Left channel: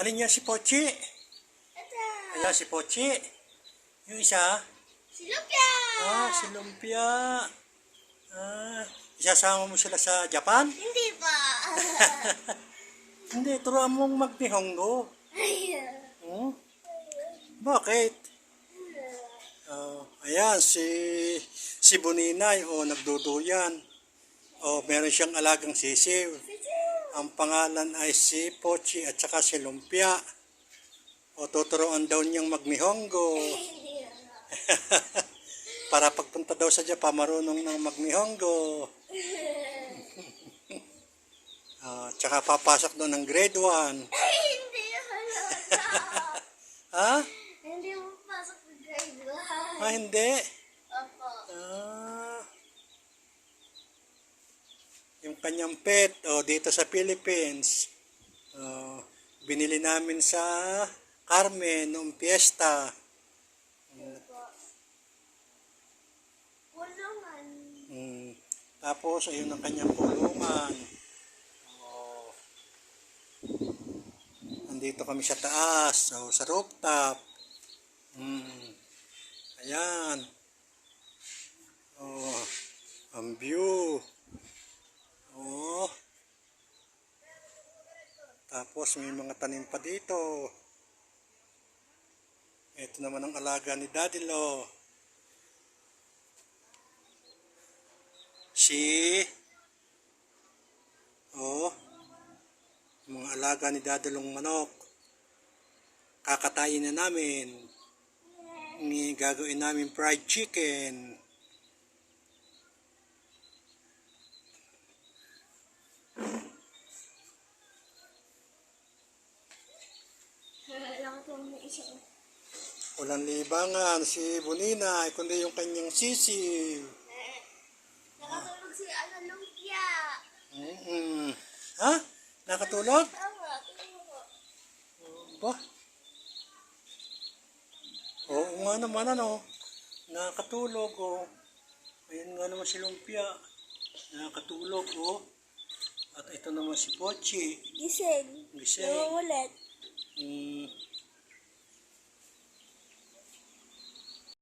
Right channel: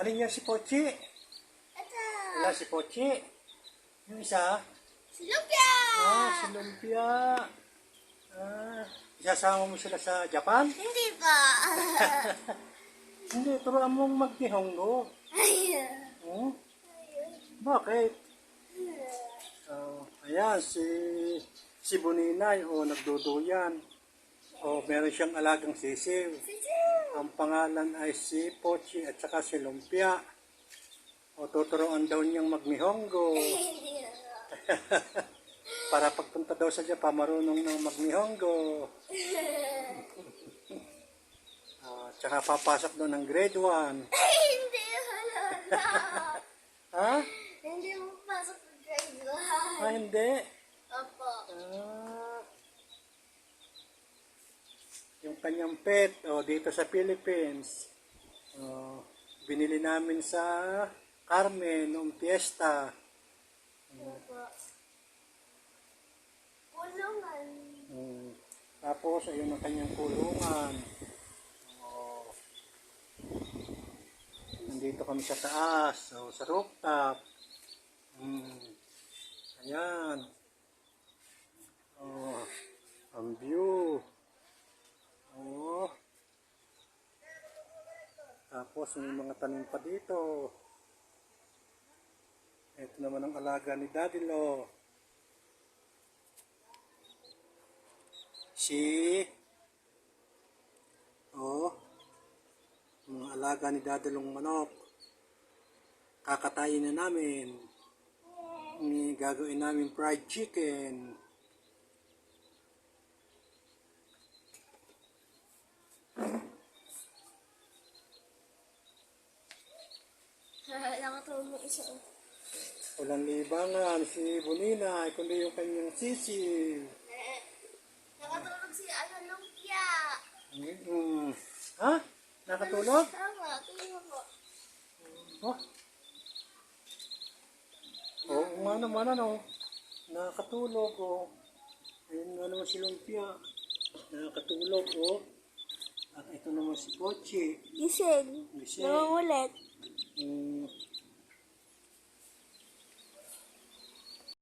Ano niya si Pochi? Ito. Ayan si Pochi. Yung isa? Si Lumpia. Si Lumpia. Isasama mo sila sa Japan? Hindi pa. Hindi, turuan mong magnihongo. Ayun. Hmm? Bakit? Ayan, si Buninay, nagduduyan. Meron siyang alagang sisiw. Ang pangalan ay si Pochi at saka si Lumpia. Tuturuan daw niyang magnihongo. Para pagpunta daw sa Japan, marunong ng magnihongo. Tsaka papasok doon ng grade 1. Hindi wala na. Ha? Hindi mo pasok sa grade 1. Hindi. Opo. Yung kanyang pet, dito sa Philippines, binili namin sa Carmen noong piyesta. Opo. Kulungan. Tapos, ayun ang kanyang kulungan. Nandito kami sa taas, sa rooftop. Ayan. Ang view. Tapos may mga tanim pa dito. Ito naman ang alaga ni Daddy Lo. Mga alaga ni Daddy Long manok. Kakatayin na namin. Gagawin namin fried chicken. Nakatulong mo isa. Walang libangan si Bonina, kundi yung kanyang sisiw. Nakatulog si Lumpia. Ha? Nakatulog? Tama, tulog ko. Ba? Oo nga naman nakatulog Ayun nga naman si Lumpia. Nakatulog At ito naman si Pochi. Giselle. Giselle. Nangungulit.